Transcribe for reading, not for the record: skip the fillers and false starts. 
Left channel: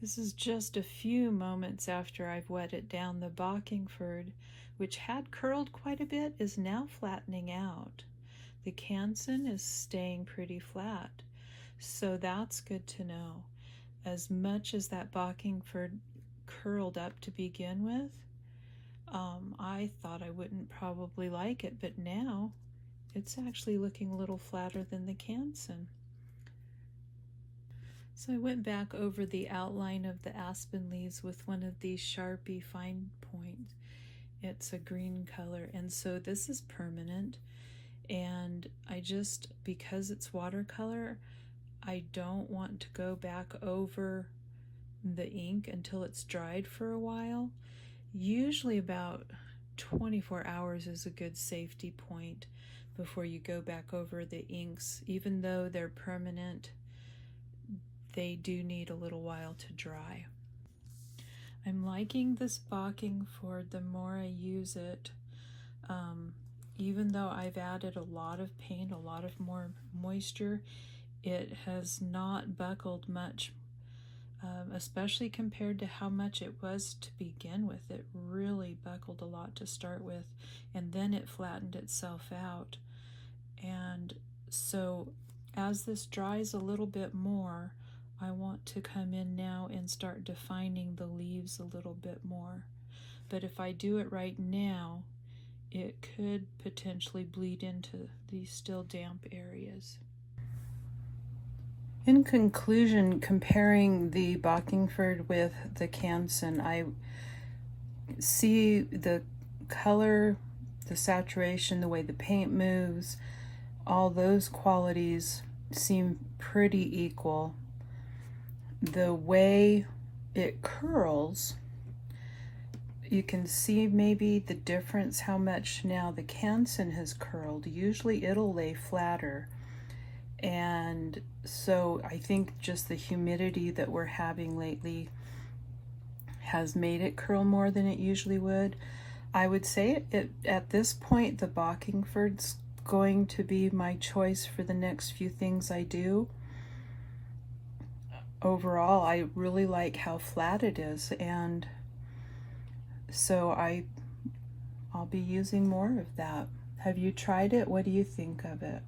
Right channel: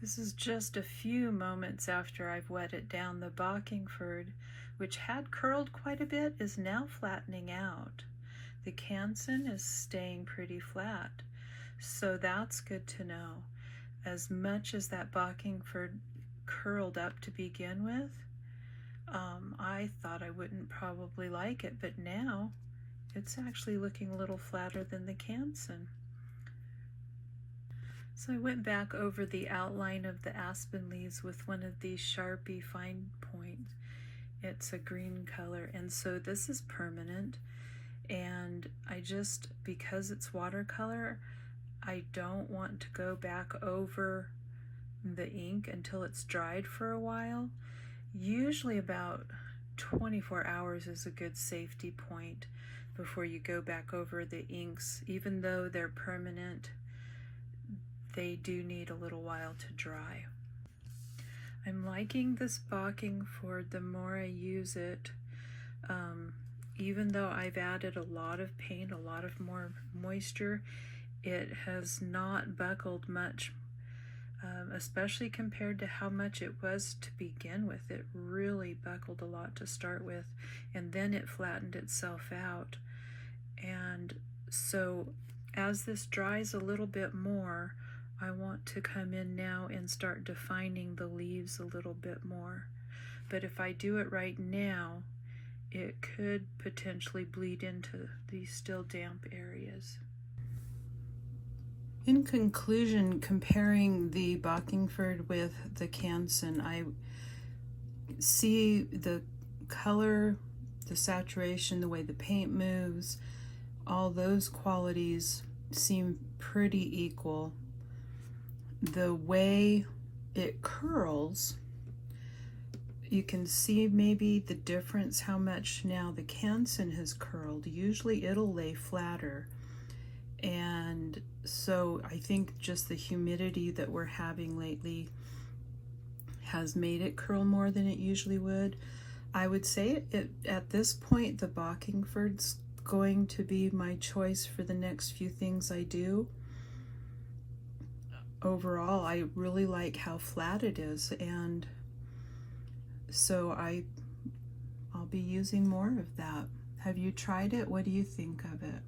This is just a few moments after I've wetted down the Bockingford, which had curled quite a bit, is now flattening out. The Canson is staying pretty flat, so that's good to know. As much as that Bockingford curled up to begin with, I thought I wouldn't probably like it, but now it's actually looking a little flatter than the Canson. So I went back over the outline of the aspen leaves with one of these Sharpie fine points. It's a green color, and so this is permanent, and I just, because it's watercolor, I don't want to go back over the ink until it's dried for a while. Usually about 24 hours is a good safety point before you go back over the inks. Even though they're permanent, they do need a little while to dry. I'm liking this Bockingford the more I use it. Even though I've added a lot of paint, a lot of more moisture, it has not buckled much, especially compared to how much it was to begin with. It really buckled a lot to start with, and then it flattened itself out. And so as this dries a little bit more, I want to come in now and start defining the leaves a little bit more. But if I do it right now, it could potentially bleed into these still damp areas. In conclusion, comparing the Bockingford with the Canson, I see the color, the saturation, the way the paint moves, all those qualities seem pretty equal. The way it curls, you can see maybe the difference, how much now the Canson has curled. Usually it'll lay flatter, and so I think just the humidity that we're having lately has made it curl more than it usually would. I would say at this point the Bockingford's going to be my choice for the next few things I do. Overall, I really like how flat it is, and so I'll be using more of that. Have you tried it? What do you think of it?